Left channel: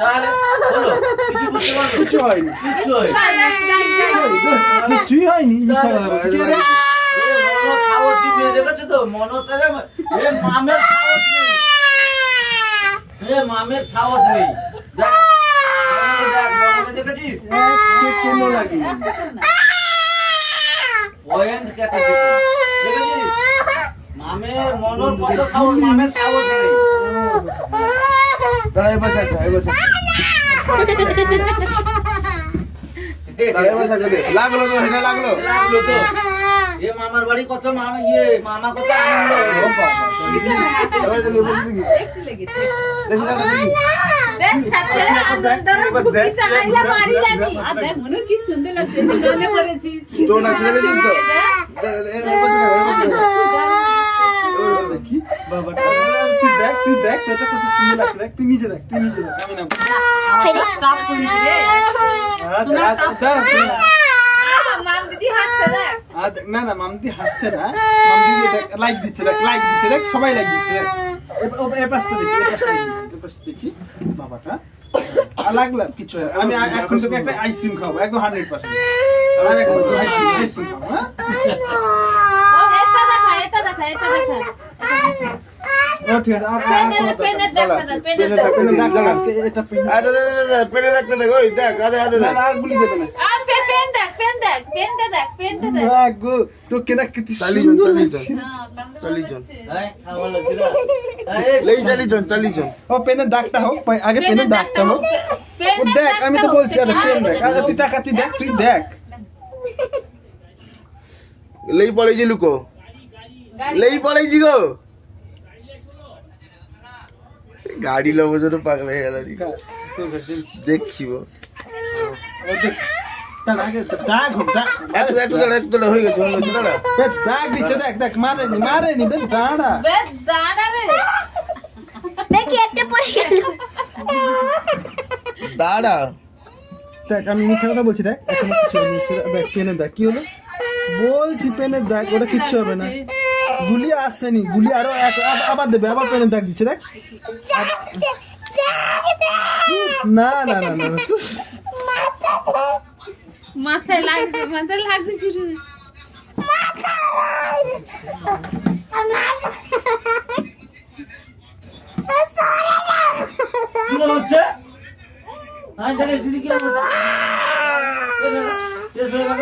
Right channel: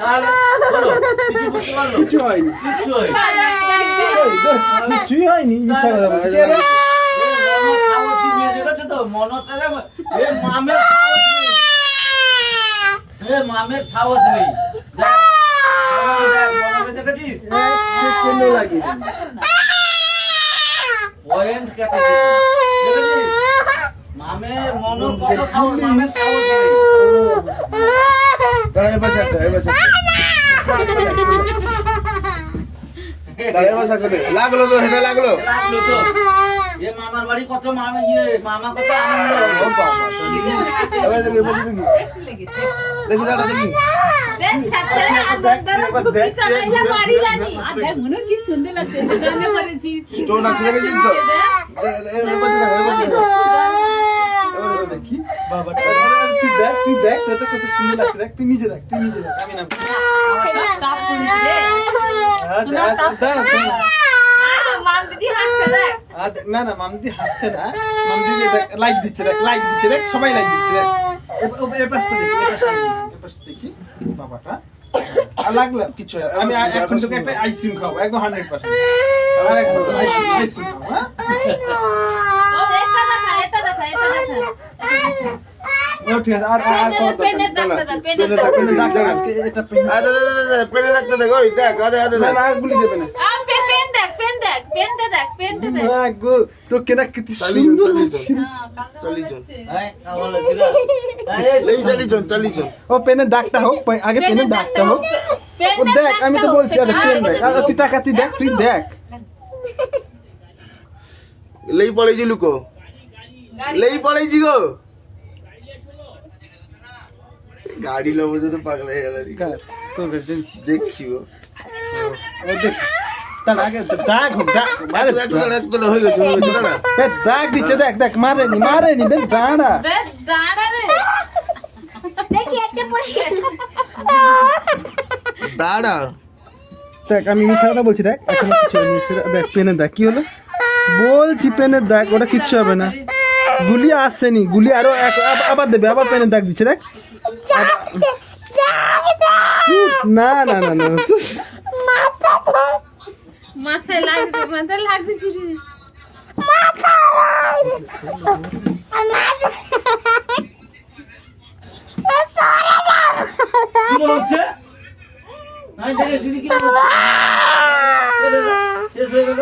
তাহলে বলো কিছু বুঝতে পারলো? কিছু হয়নি, কিছুই হয়নি। মনোজ সাহসী মেয়ে দেখেছো তো? মনোজ মামের সাহস নেই, মামের সাহস নেই। দেখেছিস কেন লাগে পয়েন্ট কেটেছে, দেখেছিস? মামের মনোর কত সাহস, মামের সাহস নেই। দাঁড়া এবার ছাড়, এবার ছাড়। দাঁড়া এবার ছাড় দে। লাগলো তো, হেটা লাগলো। লাগলো তো। এ মামার বাড়ি কত মামা মামা কত আনন্দ। এবার দেখি, এবার দেখি। একটু লেগেছে। দেখি দাঁড়া দেখি। বেশ সাথে আনন্দর ভুকি চালাইয়া মারি জানি। আর দেখ মনে কি সুন্দর লাগছে। গানে করেছিস। তোর নাচে দেখেছিস তো? এবার ছাড়, এবার ছাড়। দেখি বাবা, তুই দেখ তোটা কত সুন্দর লাগছে। দেখ তুই নিজে দেখ, আমি না কাপ শুনছি রে। মাম দিদি হাসছে দেখ। না মামদি হাসছে না, মামদি লাইক দিচ্ছে, দেখ সবাই লাইক দিচ্ছে। এ পাশটা দেখি বাবাটা। আর লাগলাম কিছু না। আমি এখন তোকে একটা আইসক্রিম খাওয়াবো, একদম 100%। আইসক্রিম খাবো, হ্যাঁ? ও এটা দেখা। ও ঠিক আছে। আর পেনের দেখা দা, পেনে পেনের থাক, পেনে থাক, দাঁড়া। এটা পেন আরে পেনে রাখতে দেখ, ওই দেখ, আরে দেখ। আর গুলি দেবে না। আর পেনটা দেখ। মা গো, তো কেনা কত চালিয়ে সুন্দর চল। চালি চল। আমার লাগছে না। এই চালিয়ে চল। ও পেনের দাগটা হোক, আগে পেনের দাগটা হোক। ও দেখ, আমি তো বলছি আরে পেন দেখ। আরে তুই তাকা, তুই দেখ। লেই পড়েছি লুকো, লেই পড়েছি গো। গাড়ি লোক তো পাগল হয়ে গেল। দেখছি গো। ও দেখ, তার আগে দাগ হোক, দাগ। একটু দাঁড়া, হয়ে গেছে দাঁড়া। দাগ দিচ্ছে, দেখ মারেনি বেশ দাঁড়া। দাঁড়া রে। দেখি একটা পড়ে দাঁড়া। দেখ আমি মিথ্যা কথা বলছি, দেখ এখন কিছু হয়নি। দেখ পেনের দাগ কি হলো বলছি, পেনের দাগ, ওটা কিচ্ছু হবে না। গুলি আসছেনি, গুলি আরো আবার দেবে, আবার পেনের দাগ দিচ্ছে দেখ। না মাথায় লাগবে শুরু। কি মনে হচ্ছে? হ্যাঁ দেখে দিদি কি মনে হচ্ছে? শেষ হয়ে গেল।